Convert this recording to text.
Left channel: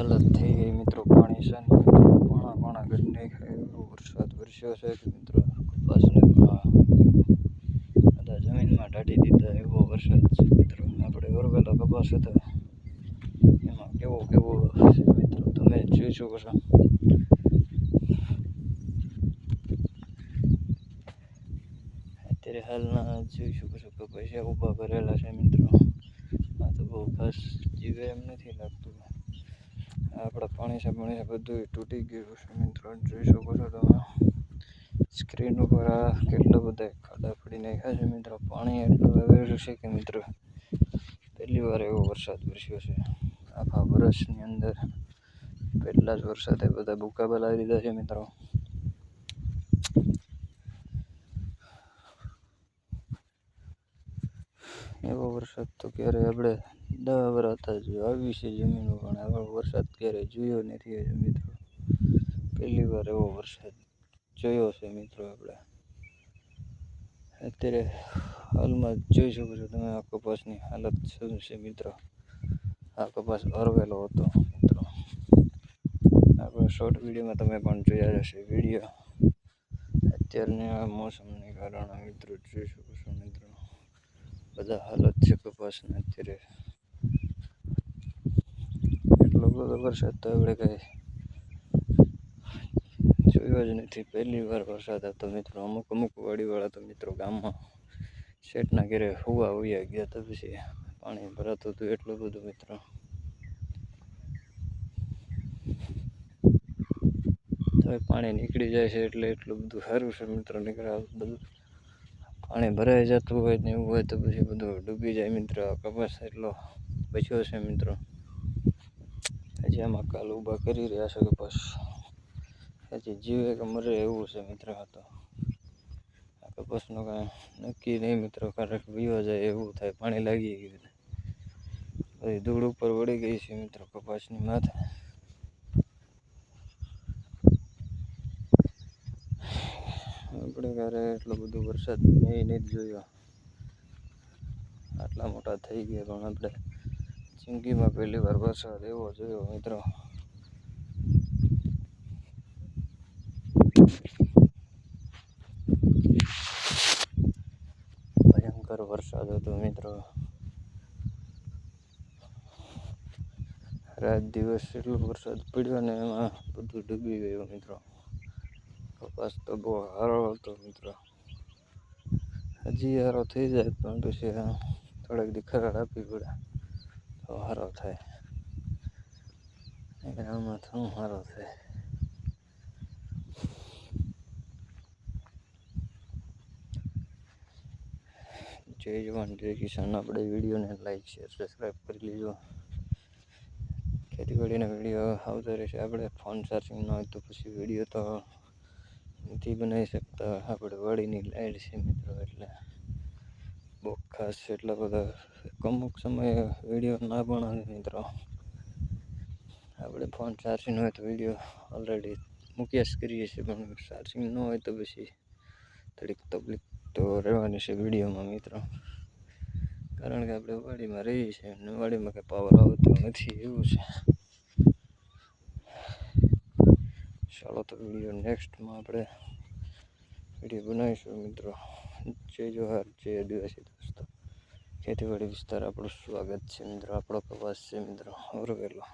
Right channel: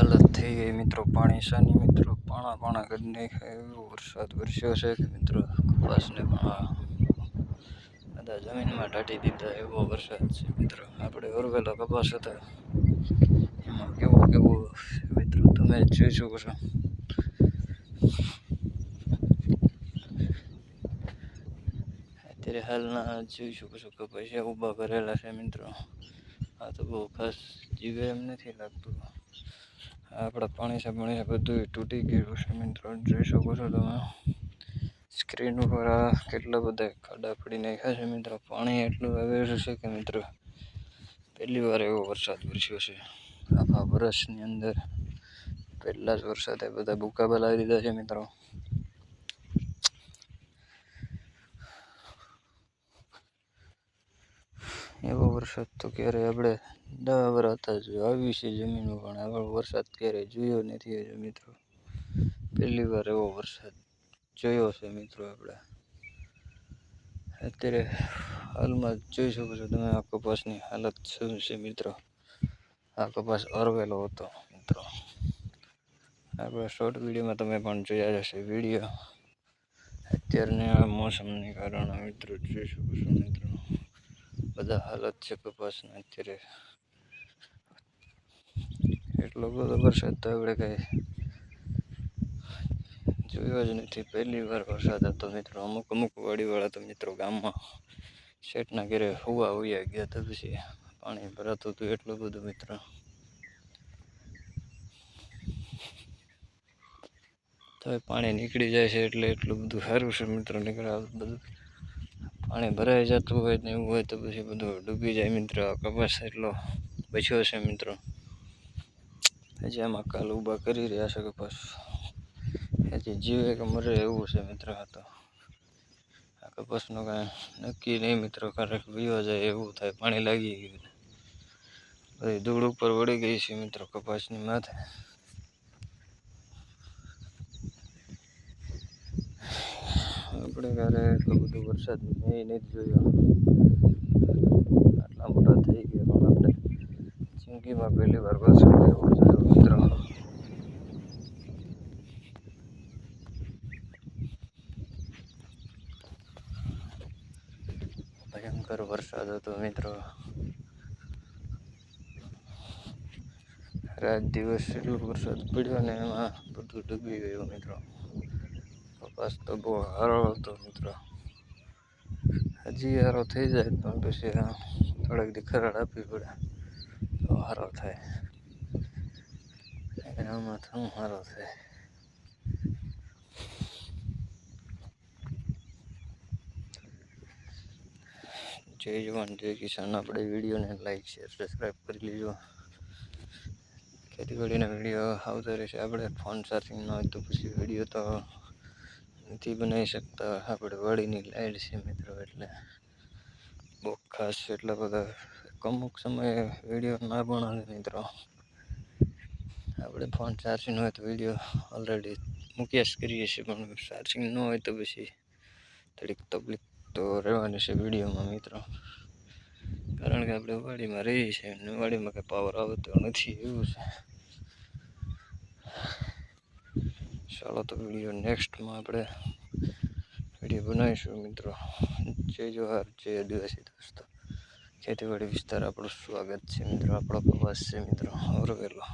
હાલત થઈ ગઈ મિત્રો. પાણી સાની મિત્રો. પાણા પાણા કરી નાખ્યા. એવો વરસાદ વરસ્યો છે કે મિત્રો, કપાસને પણ બધા જમીનમાં ઢાટી દીધા એવો વરસાદ છે મિત્રો. આપણે વરવેલા કપાસ હતા. એમાં કેવો કેવો છે મિત્રો? તમે જોઈ શકો છો અત્યારે હાલના જોઈ શકો છો કપાસિયા ઊભા કરેલા છે મિત્રો. આ તો બહુ ખાસ જીવે એમ નથી લાગતું. આપણા પાણી છે પાણી છે બધું તૂટી ગયું છે મિત્રો. જોઈ શકો છો તમે. સ્ક્રીન ઉપર આ કેટલા બધા ખાડા પડી નાખ્યા છે મિત્રો. પાણી એટલું આવેલું છે કે મિત્રો, પહેલી વાર એવો વરસાદ વરસ્યો છે. આખા વર્ષની અંદર પહેલા જ વરસાદે બધા ભૂકા બોલાવી દીધા છે મિત્રો. એવો વરસાદ તો ક્યારે આપણે દસ વર્ષ હતા જો આવી છે જમીનો, પણ આવો વરસાદ ક્યારે જોયો નથી હજુ મિત્રો. પહેલી વાર એવો વરસાદ જોયો છે મિત્રો આપણે. અત્યારે હાલમાં જોઈ શકો છો તમે, આ કપાસની હાલત શું છે મિત્રો. આ કપાસ અરવેલો હતો મિત્રો. આપણે શોર્ટ વિડીયોમાં તમે પણ જોયા હશે વીડિયો. અત્યારની આ મોસમને કારણે મિત્રો જોઈ શકો છો મિત્રો. બધા હાલત છે કપાસના અત્યારે એટલો બધો વરસાદ તો આપણે કંઈ જોયો જ નથી. પહેલી વાર વરસાદ હતો મિત્રો. અમુક અમુક વાડીવાળા તો મિત્રો ગામમાં શેઠના ઘેરે હુવા ઉયા ગયા તો પછી પાણી ભરાતું હતું એટલું બધું મિત્રો. તો પાણી નીકળી જાય છે એટલે એટલું બધું સારું છે મિત્રો. નીકળે બધું. પાણી ભરાઈ જતું હોય ને એવું હોય તો પછી બધું ડૂબી જાય મિત્રો. કપાસ એટલો બચ્યો છે મિત્રો. હજી આમાં કાલ ઊભા કરી રહ્યા છે કપાસ. હજી જીવે કે મરે એવું છે મિત્રો આ તો. આ કપાસનું કાંઈ નક્કી નહીં મિત્રો ક્યારેક વયો જાય એવું થાય, પાણી લાગી ગયું બધી ધૂળ ઉપર વળી ગઈ છે મિત્રો કપાસની માથે. આપણે ક્યારે એટલો બધો વરસાદ મેં નથી જોયો. આટલા મોટા થઈ ગયા પણ આપણે જિંદગીમાં પહેલી વાર વરસાદ એવો જોયો, મિત્રો. ભયંકર વરસાદ હતો, મિત્રો. રાત દિવસ એટલો વરસાદ પડ્યો ને એમાં બધું ડૂબી ગયું, મિત્રો. કપાસ તો બહુ સારો હતો મિત્રો. હજી સારો થઈ જાય પણ પછી થોડીક દી ખરાડ આપવી પડે. તો સારો થાય. આમાં તો સારો થાય. જય જવાન, જય કિસાન. આપણે વિડીયોને લાઈક, શેર, સબસ્ક્રાઈબ કરી લેજો. ખેતીવાડીના વીડિયો આવતા રહેશે. આપણે ફોન ચાર્જિંગ ન હોય તો પછી વીડિયો તો નથી બનાવી શકતા. આપણે વાડીની લાઈટ છે મિત્રો, એટલે બહુ ખાસ એટલા બધા અમુક સમયે વીડિયો ના બનાવે મિત્રો. આપણે ફોન ચાર્જિંગ હોય તો વીડિયો ઓલરેડી મૂક્યા જ કરીએ છીએ, પણ ચાર્જિંગ ન હોય તો પછી થોડીક તકલીફ તો રહેવાની છે વિડીયોમાં મિત્રો. કારણ કે આપણે વાડીમાં રહીએ છીએ અને વાડીમાં કંઈ પાવર આવતો નથી એવું છે. ચાલો તો વીડિયો નેક્સ્ટમાં આપણે વીડિયો બનાવીશું મિત્રો. જય જોહાર, જય આદિવાસી દોસ્તો. ખેતીવાડી વિસ્તાર આપણું સ્વાગત છે મિત્રો. આપણો પ્રવાસ છે મિત્રો. ઓરવેલો